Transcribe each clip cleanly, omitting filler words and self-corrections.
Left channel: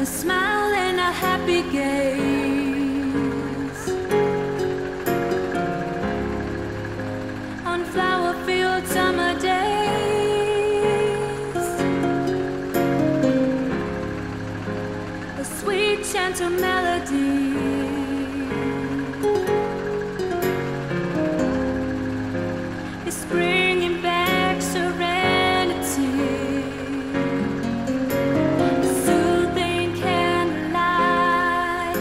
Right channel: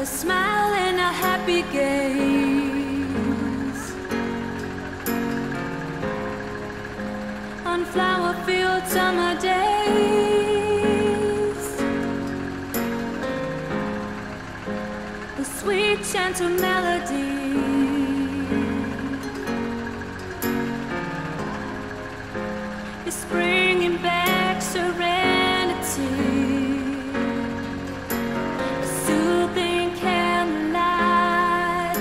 a smile and a happy gaze on flower-filled summer days. A sweet, gentle melody is bringing back serenity. A soothing candlelight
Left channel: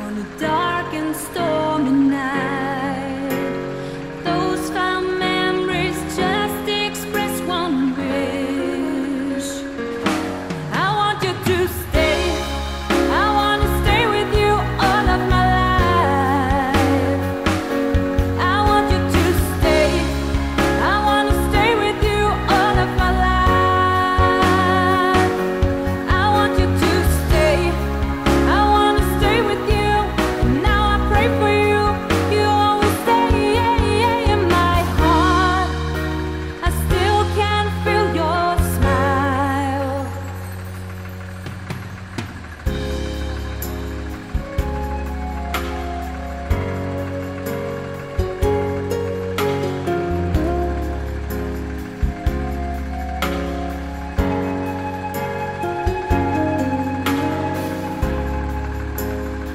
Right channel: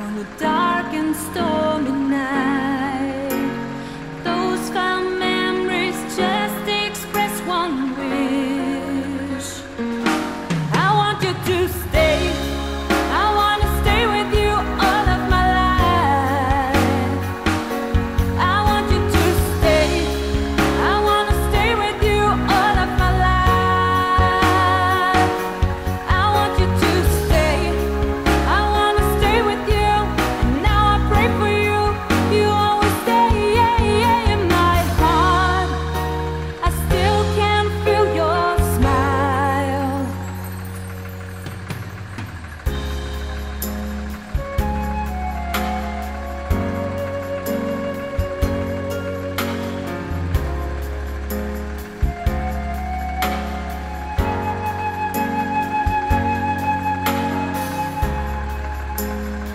on a dark and stormy night. Those fond memories just express one wish. I want you to stay. I want to stay with you all of my life. I want you to stay. I want to stay with you all of my life. I want you to stay. I want to stay with you. And now I pray for you. You always stay in my heart. I still can feel your smile.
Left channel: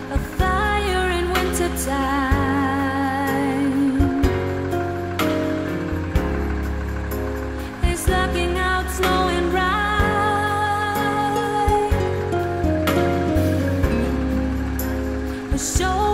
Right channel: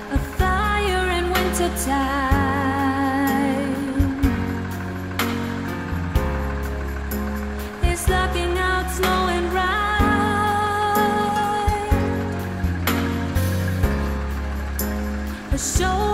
A fire in winter time is locking out snow and rime. A show